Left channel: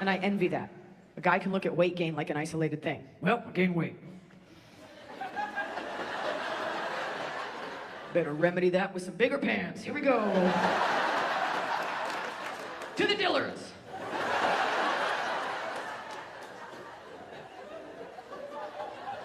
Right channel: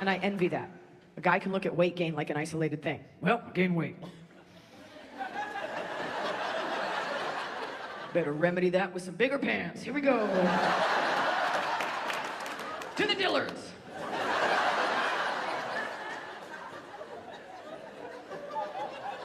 And I envy that. A guy can look at weight gain like an isolated thing. Well, gain weight. Better remedy that with some bigger pants. Here we go. To the Dillards.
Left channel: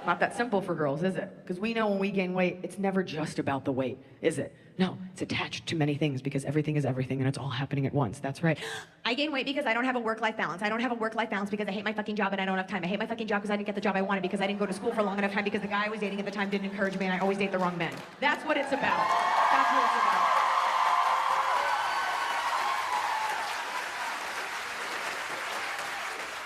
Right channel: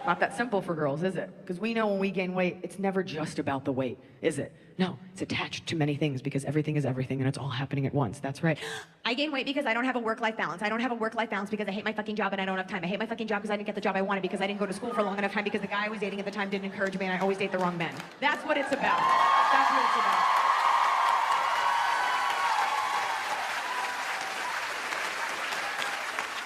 Not that simple for girls, is it? Because we know when we gain weight, it's never just about the weight, is it? No, it's attached to many things because everything is everything and it's all happening at once. That's right. I gain weight because I don't have a work-life balance. I don't have a work-life balance because I hate my fucking job and I don't have time. I hate my fucking job because I didn't get the job I wanted, because I didn't go to school for long enough time, because the guy I was dating at the time didn't encourage me and I always date the wrong men. That's what it's about. That's what it's about.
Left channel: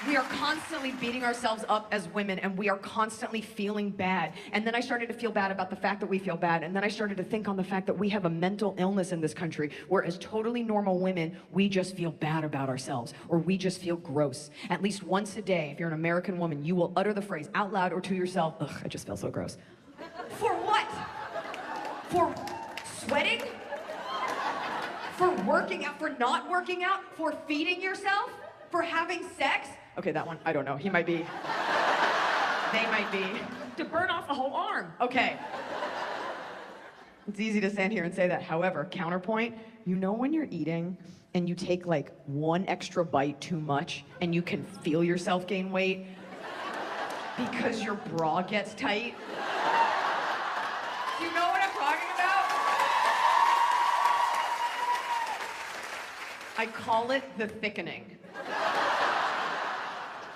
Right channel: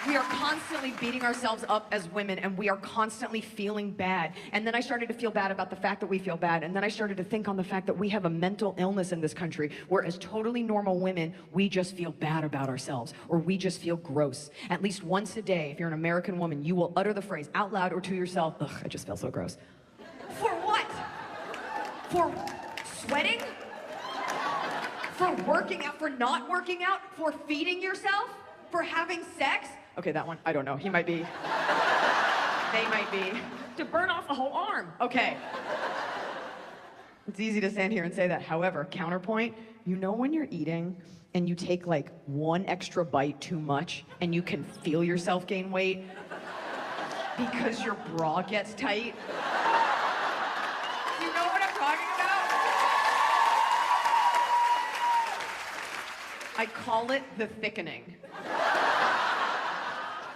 We are constantly beating ourselves up as women, and we are constantly feeling bad. And then I started to feel bad about the fact that we feel bad. And then I started to think on the fact that we have a mental illness in this country, where as totally normal women, we just feel bad about ourselves, or we just feel gross. At least once a day, if you're an American woman, you will utter the phrase out loud or to yourself, ugh, I just feel so gross. For what? For sweating? For working out? For not working out? For feeding yourself? For having sex? Okay, that one, I don't know. He might be. They might be. To burn off a whole arm. Okay. It's easy to stand here and say that. However, counterpoint, you know when you're eating and you take like one extra bite too much and you can feel yourself gain weight because your bra gets tight? Do you know what I'm talking about? I call it the thickening.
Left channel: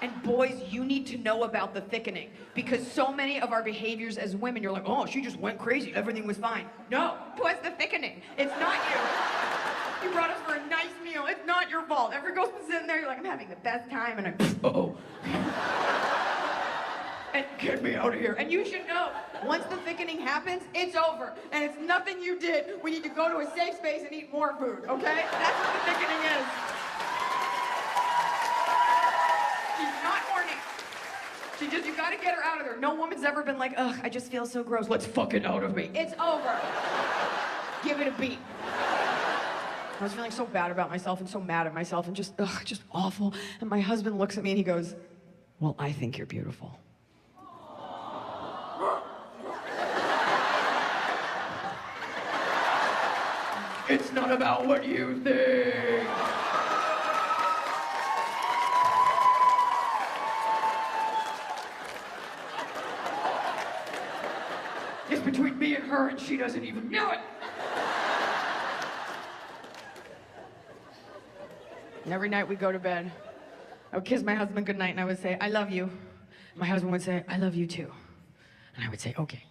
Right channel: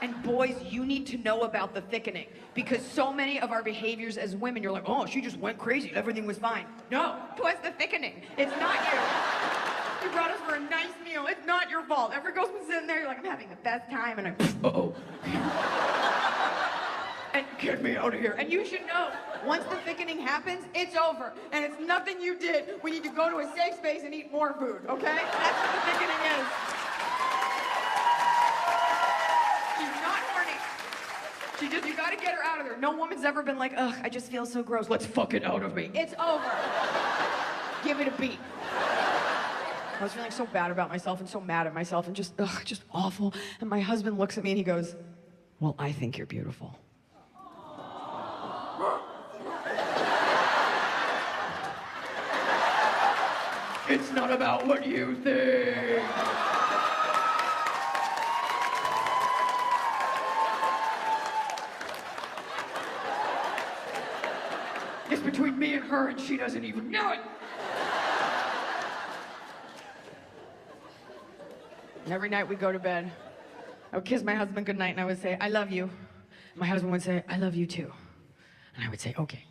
And boys, you need to know about the thickening, because so many of our behaviors as women, you're like, oh, she just went crazy, everything was fine. No, it was the thickening. It's not you. You brought us for a nice meal. It's not your fault. Every girl's been sitting there, you're like, I'm having the best time, and I'm, uh-oh. And get me out of here. And you should know, once the thickening happens, it's over. And it's nothing you did. We need to go to a safe space and eat more food, okay? That's what the thickening is. She's not horny. You gotta get her out of there. No woman's ever been like, ugh, I just feel so gross. Let's fuck it out of me. It's over. Give it a beat. I was feeling so bad about myself and so mad at myself and just awful. And my husband looks at me and he goes, well, I think you're beautiful. It's not about what you think. It's between me and her, and she doesn't even know it. And every night we go to bed, I would kiss my husband goodnight, and I would say, I love you. My husband would say, I love you too. And I would say, okay.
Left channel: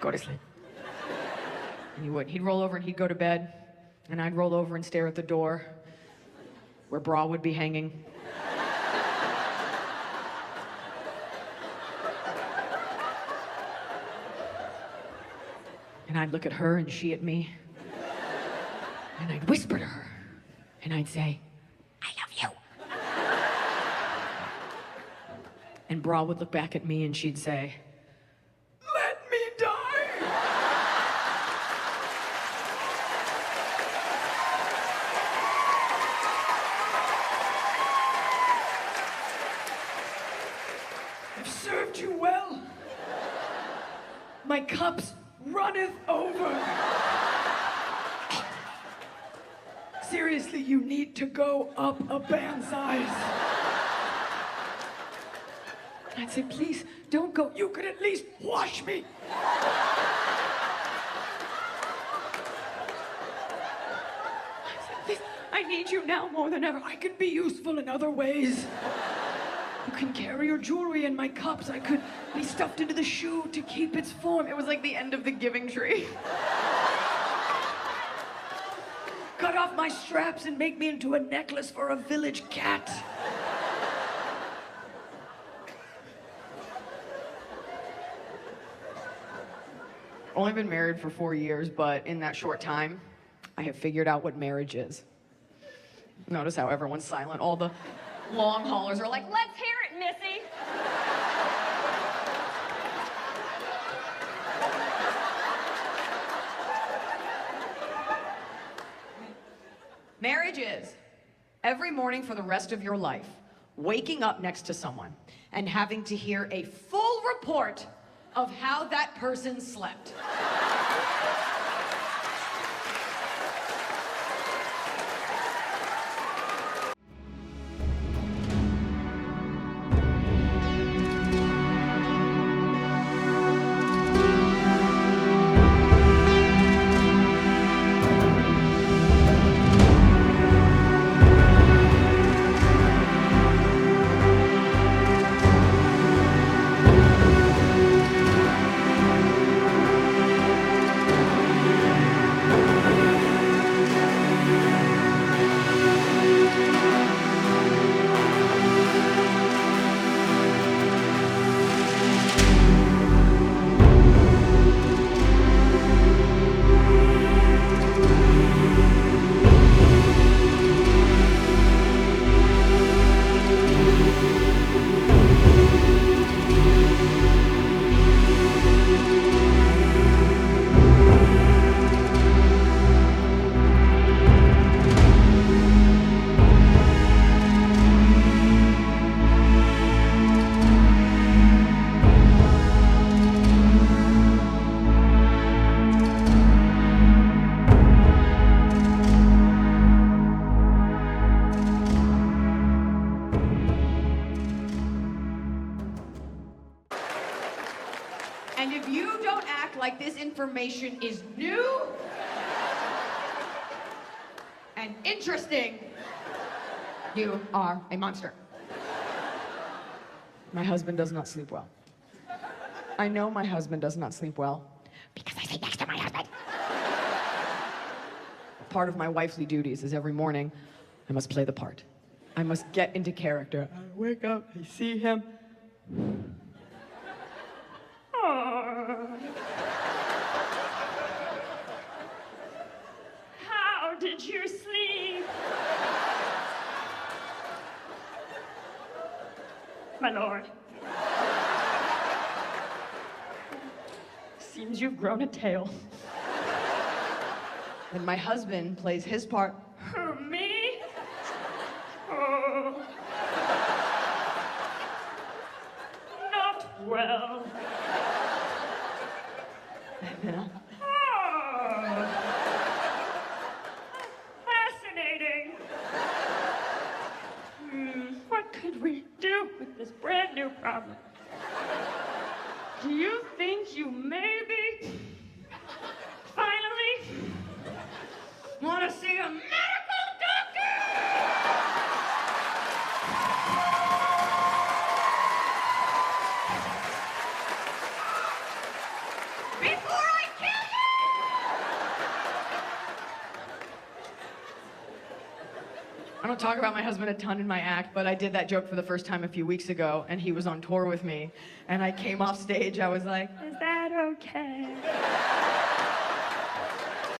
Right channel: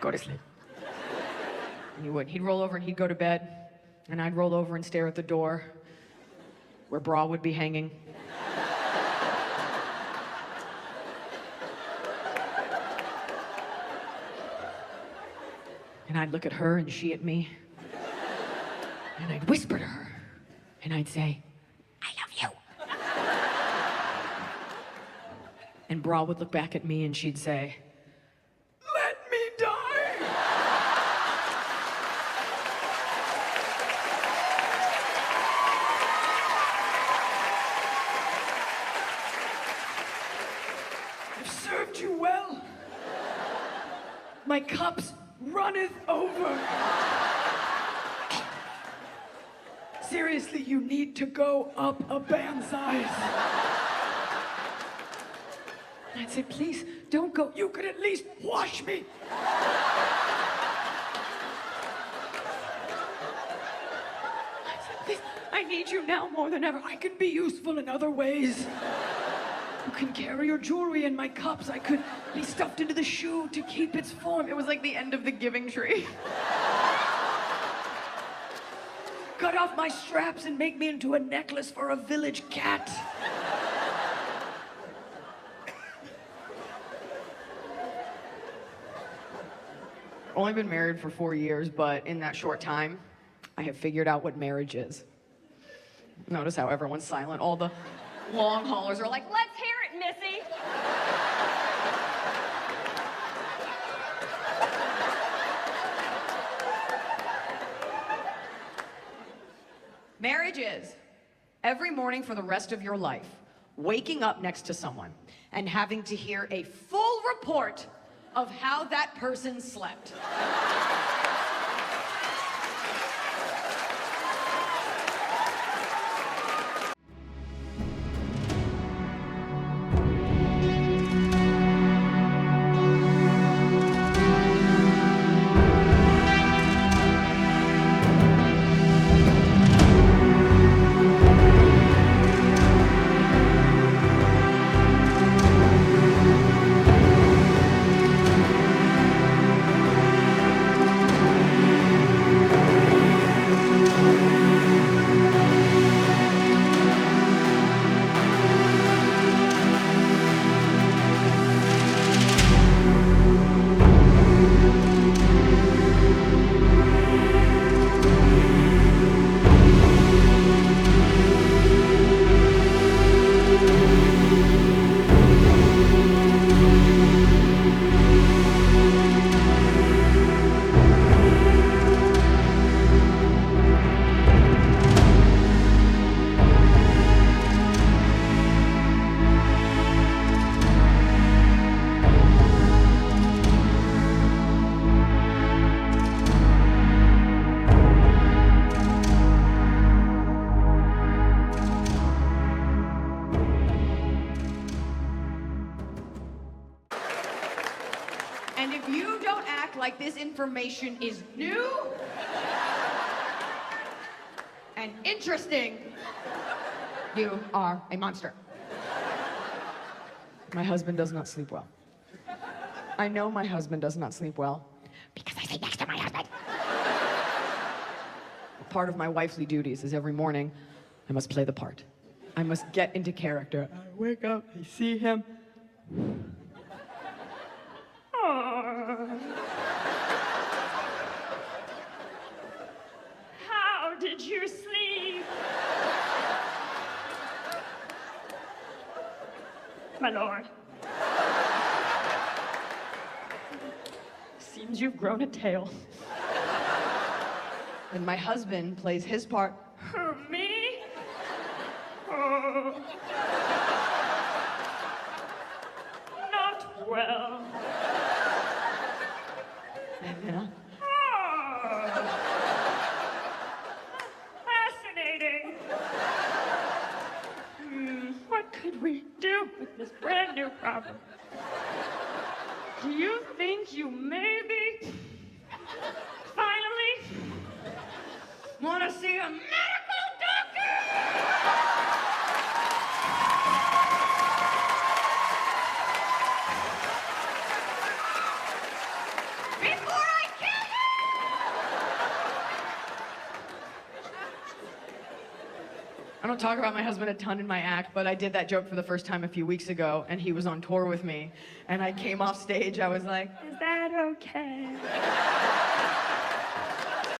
Go to sleep. And he would. He'd roll over and he'd go to bed, and I'd roll over and stare at the door where bra would be hanging. And I'd look at her and she at me. And I'd whisper to her. And I'd say, I love you. And Bra would look back at me and she'd say, let me die. I've served you well. My cups runneth over. Seriously, you need to go up a band size. I'd say, please, don't go. You could at least wash me. I need you now more than ever. I can be useful in other ways. You can carry your jewelry in my cups. I could be stuffed into the shoe to keep its form. It was like the end of the Giving Tree. Cut off my straps and make me into a necklace for a village cat. Only been married for 4 years, but in that short time, I have figured out what marriage is. Notice how everyone's silent. All the long haulers are like, let's hear it, Missy. Marriage is every morning for the rest of your life, waking up next to someone and having to hear a full report of how that person slept. And if you don't act like this information is new and interesting, you are a monster. My husband does not sleep well. I know my husband does not sleep well because I sit next to my husband. Part of my wifely duties is every morning I must play the part. I must get into character. I wake up, I see him. How did you sleep? My lord. Seems you've grown a tail. And my husband plays his part. Who, me? Oh. Not well. Yeah. Oh. Fascinating. What could we do with this brand new problem? Do you think you maybe finally want to see a medical doctor? Before I kill I don't talk about my husband a ton in my act, but I did that joke for the first time a few weeks ago, and he was on tour with me. And I came off stage, I was like, you! Is that okay?